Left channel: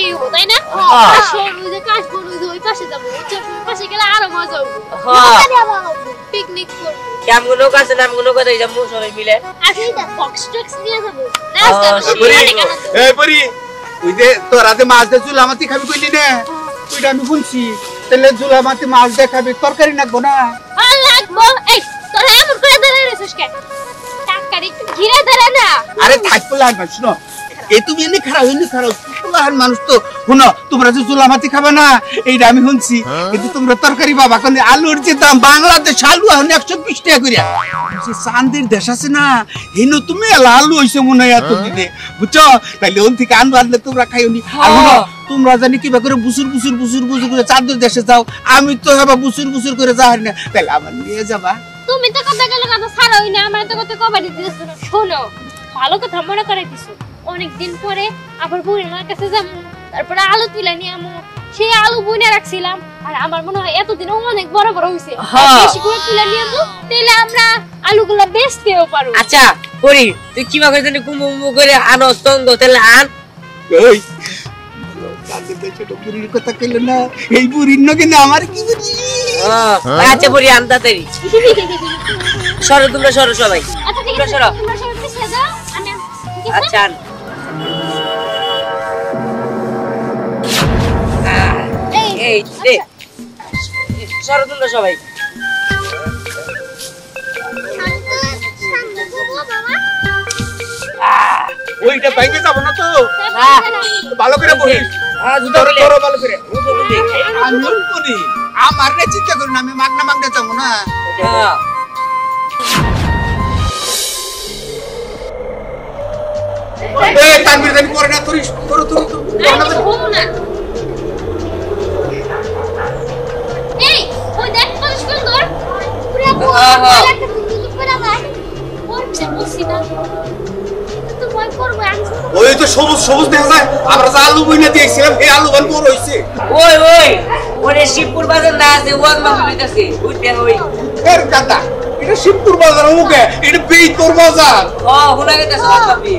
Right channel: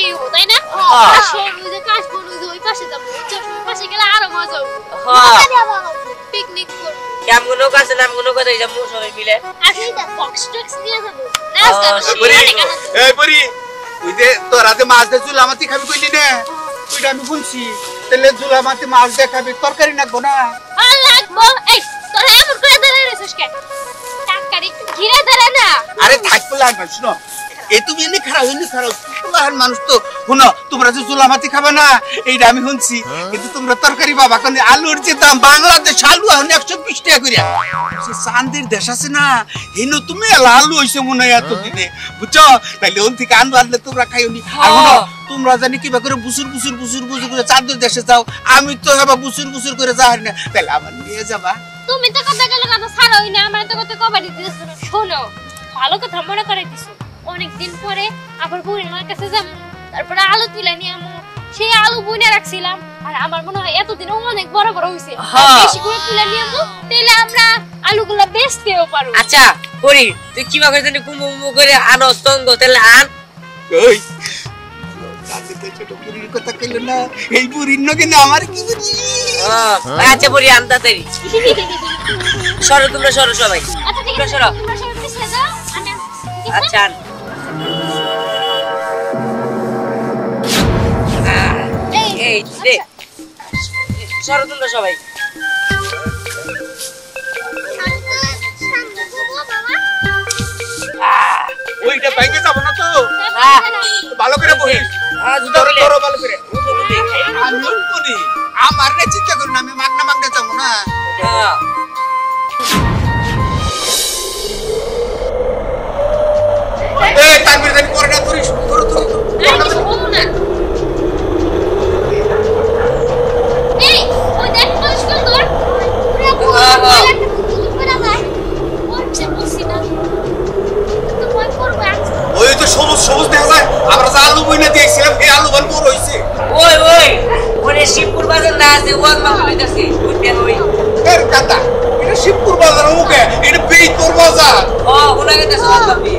পাশেই তাই না? কাশ বড় ওই পাশে যাবো, পাশে গেলে আরো মজা হবে। পিকনিক কেমন কাছে নামগুলো করে যাবো সবাই মিলে। আচ্ছা এটা বক্স টক্স দিয়ে যাবো। এই পরি তুই যে তোরা যে মাছ দিয়ে চুলা মাতি খাবি কইলি না, তুই আমি বলছি তাহলে চুলা মাতি মাছ দিয়ে খাবি, তরকারি লাগবো না? লাগবো। এই তোরা এমন করে দাঁড়িয়ে রেছিস কেন? তরকারি ঘিরে দাঁড়া না। আরে থাকবো লাগবে, শুনো এই তুমি এমনি খারাপ মানুষ তো শুনো, তোমরা যে চুলা মাতি খাবে না এইটা আমি শুনছি, কিন্তু তোমরা তরকারি পাবা। কিন্তু আলুর যে দাম বাংলাদেশ আলু এখন 120 টাকা করে, চান্দির দেশ আছে না হেন তুমি আলু হয়েছে মনে হয় এত দিনে, বুঝছো? তাইলে ওন থেকে আলু আনলে তোমরা খাইনি। তোমরা জানি কিবা করে বুসুর বুসুর বুসুর বুসুর করে চাঁদের দেশে যাও, আমি তো এবার বুসুর বুসুর করে যাই না, তাহলে আবার নিয়ে যাবা। তুমি তো কথা গেলে কথা ছাড়াই না, আমার তো কথা কবাডি দিয়েছ। শোনো ভালো কথা মনে করাই দিছো, অনেকদিন পরে আবার বুড়ির কাছে যাবো, তারপরে আলু তুলে নিয়ে আমো, সেই আলু বুনে রাখছিলাম আর আমার মনে হয় এতদিন অনেক বড় বড় হয়েছে, তুলে নিয়ে আমো, তাহলে আমরা আলুগুলা বেচতেও পারবো। আচ্ছা পরি তুই কিবা করে জানি কুমু করে আনো সঙ্গ, তাহলে আন। এই কথা কেন না, এই বুড়ির নগে না আমার কি বুঝি। আচ্ছা পরি আনতা তাই সরো, তোমরা সরো সবাই, সরো। আচ্ছা এই সরো তোমরা সবাই। ওইটা বাইকে যাবো না তো, ভালো করে বহিস, ভালো করে আমার চিন্তা করি না, আমি মাগনা মাগনা যাবো না। তানভীর জানি পরে না করিস, ওই তো সবুজ সবুজ দেখা যায়, আমরা যে আলু বইনা দিয়েছিলাম এই আলু বান বড় হয়েছে। ওই ওই ওরে শিবপুর বাজার না আছে, ওয়ান মাহমুদাছে ওই এর কাটা এটা শিবপুর বাজার উঠে, এটা বেইতপুর বাজার। হোনা গেছে সবই।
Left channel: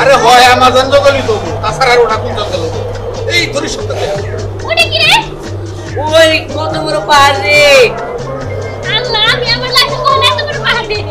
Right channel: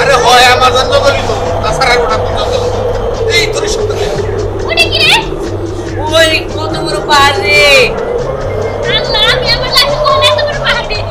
আরে হয় আমার জন্য বলি তো, তাছাড়া ওটা কোন এই তোর সাথে ওটা কি রে? ওই কত বড় পাহাড়ে, আল্লাহ আমি আমার লাইফে কোন এত বড় পাহাড় দেখি।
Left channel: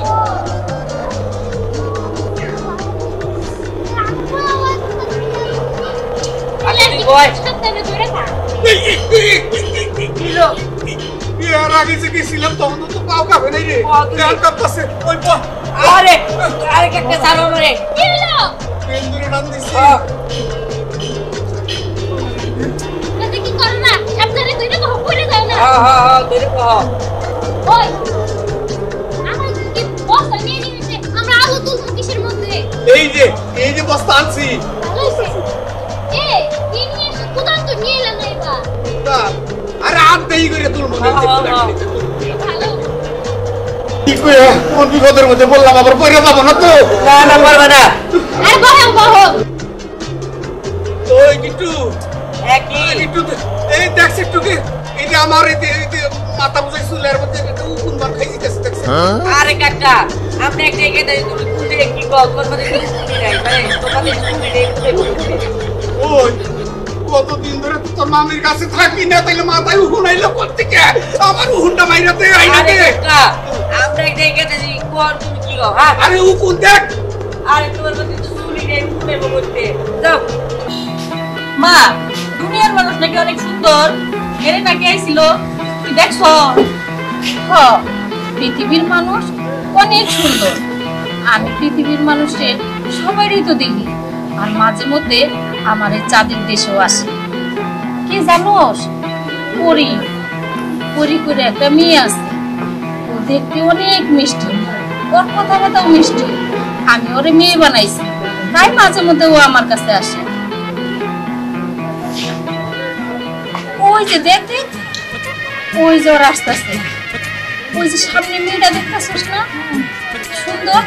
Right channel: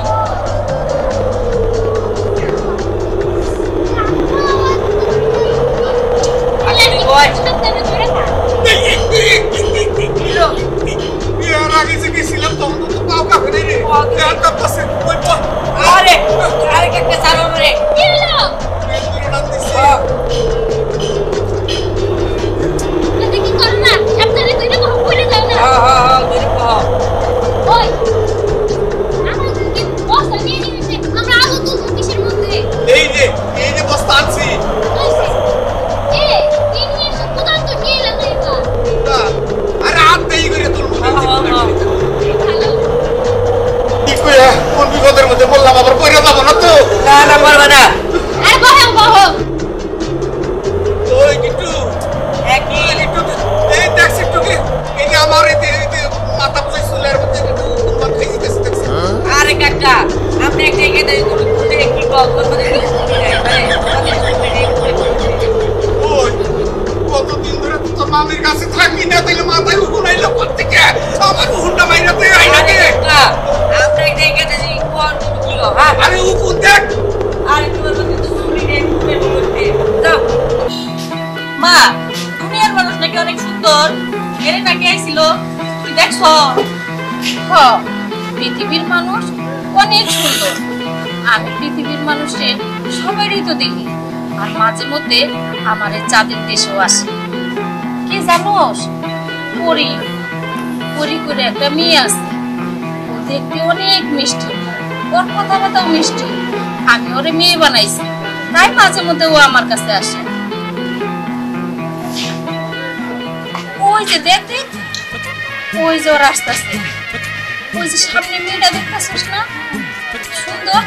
বিপদের মধ্যে বললাম আবার পয়রা যাবো না তো। না না পারবে না। আমার মাথা বুঝে চুলের আরে কাকা আপনি একটা এখানে কি কতদিন ধরে তো মামির কাছে থাকি না, তাইলে মাথায় উঠু নাইলো থেকে আমার উঠটা বাইরে আরে উঠু দেখ। মা দুনিয়ার মানুষ নাকি অনেক সুন্দর, এর নাকি আইছিল দেখছ? পৃথিবীর মানুষ অনেক সুন্দর। আমি পৃথিবীর মানুষের সবারই তো দেখি, আর মাঝে মধ্যে আমার এই চাঁদের দেশেও আসে। কি জানোস, পরি পরি করে একটা মেয়ে আছে, ও দেখতে অনেক মিষ্টি, ওর কথাটাও মিষ্টি। আমি ওরে মেয়ে বানাইছি, তাই মাঝে মধ্যে ও আমার কাছে আসে। ওই যে দেখ, ওই যে ওর আসতেছে, ওই যে সামনে মেয়েটা দেখতেছিস না, সুন্দর,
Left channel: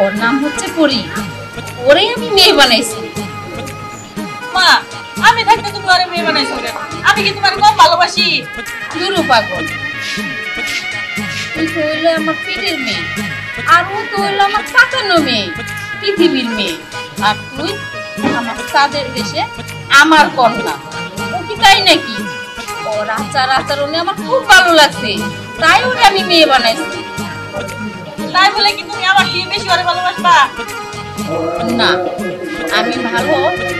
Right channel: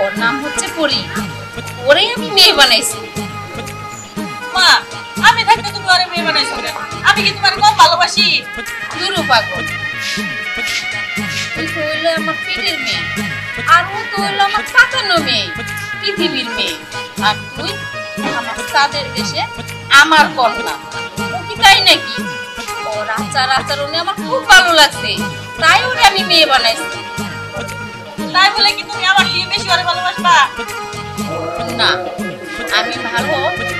ওর নাম হচ্ছে পরি। ওরে আমি মেয়ে বানাইছি। মা, আমি থাকতে তুমি ওরে মেয়ে বানাইছো কেন? আমি কি তোমার কম ভালোবাসি? দুরু পাগল, তুই তো হইলে আমার পেটের মেয়ে, আর ও তো হইলো আমার কাকানো মেয়ে, পৃথিবীর মেয়ে। আর তুই আমার চাঁদের দেশে আমার কন্যা। ও কি তাই নাকি? ওর আচার আচরণে আমার খুব ভালো লাগছে, তাই ওরে আমি মেয়ে বানাইছি। তাই বলে কি তুমি আমার দিয়ে বেশি ওরে ভালোবাসবা? না, আমি ভালো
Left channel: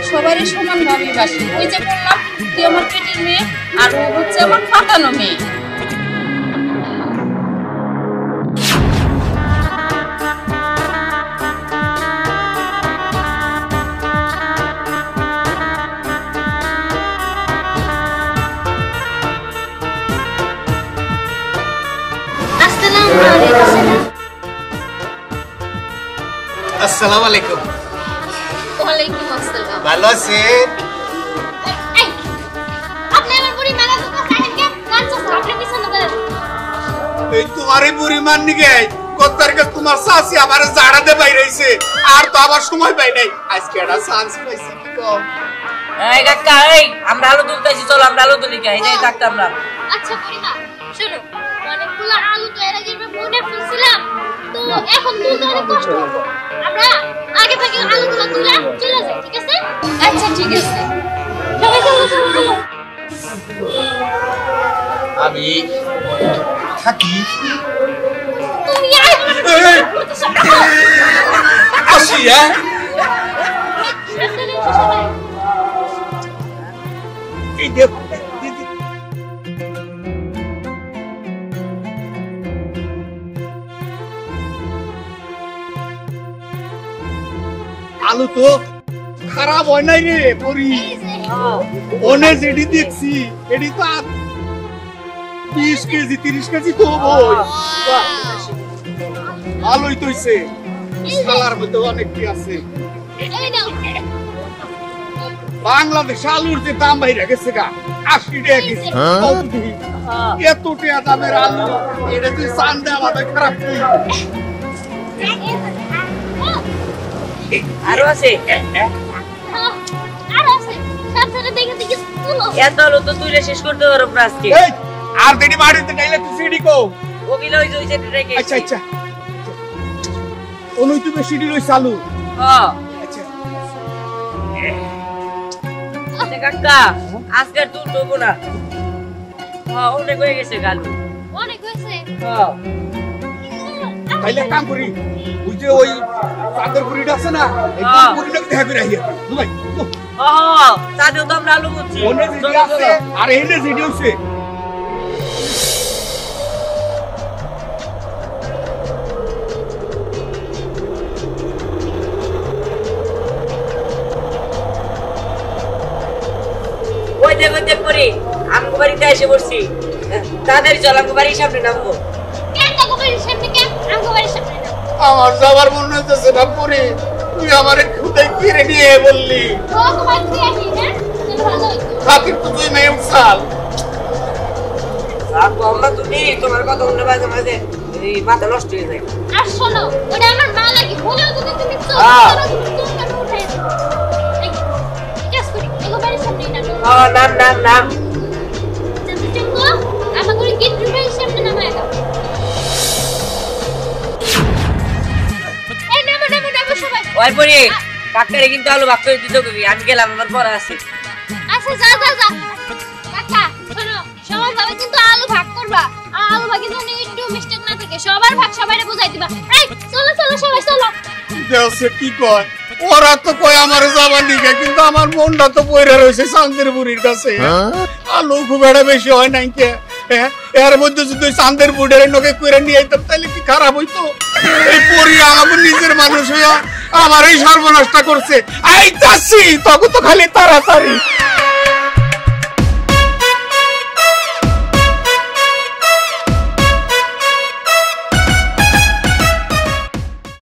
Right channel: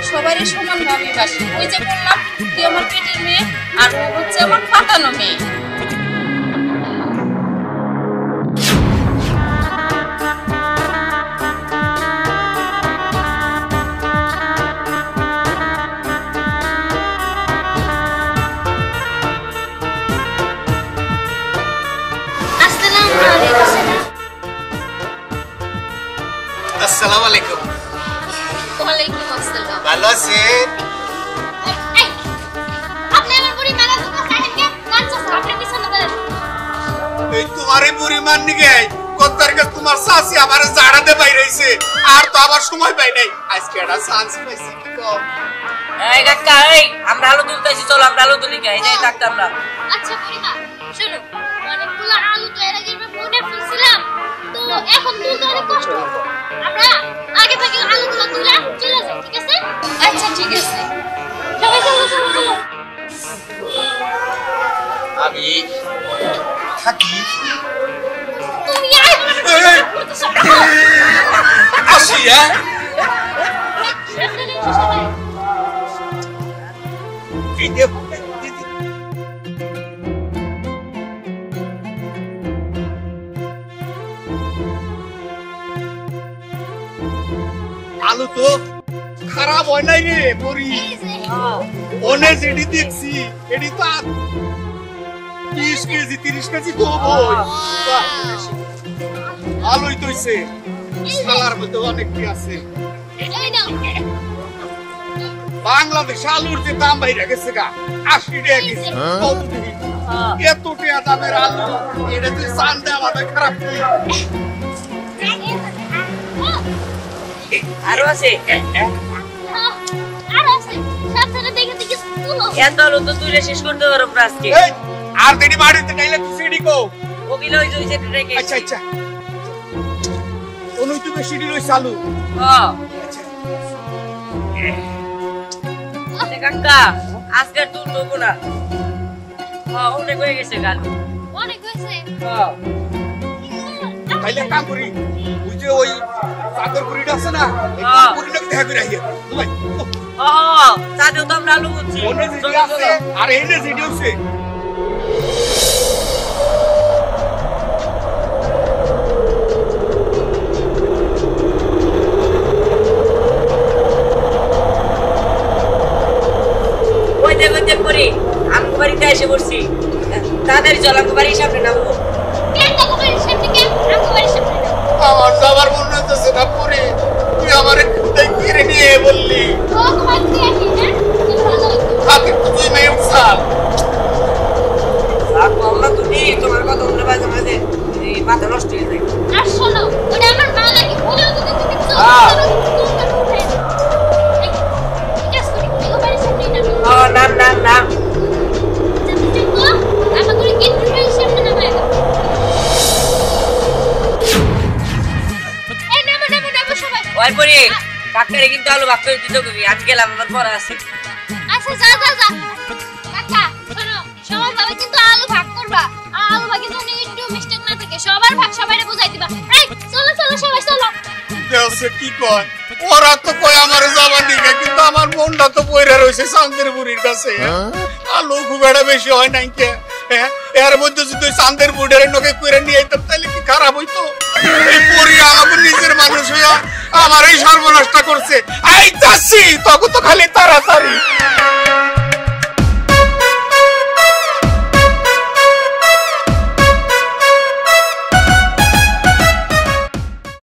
সবারই সমান ভালোবাসি। ওই যে বললাম, তুই আমার পেটের মেয়ে, আর ও হচ্ছে আমার কাকানো মেয়ে। আসসালামু আলাইকুম। ওয়ালাইকুম আসসালাম। ভালো আছেন? এই, আপনি আমার বুড়ি মারা তো খাইলেন কেন? কাঁচা আপনি পিছনে দেন। এই তোমারই বুড়ি মান নিগে কতটারকে তোমার শাশি আমার জাড়াতে বাইরেছে, আর তো আবার সময় পাই নাই। আজকে একটা চান্স পাইছি। এই কাকা, এই আমরা আলু তুলতেছি, চলো আমরা আলু তুলি, এই যে থাকতাম না। আচ্ছা বুড়িমা, শোনো, অনেকগুলো আলু তো এর আগে আমরা বনে ফেলছিলাম, তো এখন তুলতে অনেক কষ্ট হবে। আমরা আগে থেকে আলুগুলো তুলে চলে যাই, ঠিক আছে? আচ্ছা ঠিক আছে। চলো চলো চলো চলো। আমি থাকি তুমি আয় আসি। এই যে আলু তো খারাপ হয় নাই রে পরি, অনেক যেটি দেখছি এটি তো 20 কেজি 30 কেজি তো আলুই তৈছে, সালার মধ্যে অনেক কি আছে। এই নাও। বাংলাদেশ আলুর যে দাম বাইরে গেছে গা 80 টাকা কেজি। এত টাকা দামের আলু এটা তুই চান দে আমার ভাই খারাপ। আরো আছে আর আছে সাথে দেখে দেখে তুলো। এত আলু তো তুলে শেষ করতে পারবো না আজকে। এই আর দেরি বাড়িতে গাইলে তুই সিডি কো। ওগুলো ওই যে রেখে। আচ্ছা আচ্ছা, অনুই তুই সিডি লই চালু। হ্যাঁ কাকা, আজকে তুলবো না। হ্যাঁ অনেক হয়ে গেছে গান। অনেক হয়েছে। হ্যাঁ তাইলে কাম করি, ওই যে ওই চাদর পুরিটা আছে না, এই হ্যাঁ। পুরিটা দেখা করে আইয়া দুবাই হ্যাঁ, তাদের তো আমরা আলু করছি। অন্য সিডি আছে আর এনে সিডি আছে। ওই দেখতে করে আমি বাড়িতে এসে বসছি, তাদের জলাকে বাড়ির সামনে নামবো। কেন দেখো বাড়ির সামনে কেন? আমি বাড়ির সামনে। আমার যাবার মনে হচ্ছে না পরে, তুই আমার খুদাই ফিরে নিয়ে বললি ও ঘর দিয়ে আসি না? ভালো হয়েছে। আপনি তুই মেয়ে সাল আর তোমরা তো নেই, তোমার কথা বলতে মাঝে মাঝে এই মাথা নষ্ট হয়ে যায়। আর শোনো, এটা আমার মা লাগে, বলেও তো তুমি কিছু হ্যাঁ। নাম নাম নাম ওই পরে ডাক্তারে কিন্তু আলু ভাগ করে দিতে তুমি, আমি গেলাম, আমার পড়া আছে। আচ্ছা যা যা যা কাকা, শোনো, সবার ভাবে কিন্তু আলু ভাগ করবা, আলু ভাগে যদি একটু মিস্টেক না থাকে সবার ভাগ সবাইকে বুঝাই দিবা। এই চলো চলো সবাই চলো। দেওছে কি কয়, ওরা তো কয় আমার যাবার দিকে, কিন্তু আমার মনটা তো পয়রা রয়েছে চান্দের বুড়ির কাছে। আলু খুব একটা বেশি হয় নাই কে। এর মধ্যে যদি চাঁদের বুড়ের নকে করে নিয়ে আইতাম তাহলে কি খারাপ হইতো? এই পরি আমাদের নিজের মানুষ হইয়া আমার এই সর্বনাশটা করছে। আইতাছি তখন তো খালি তাড়াতাড়ি।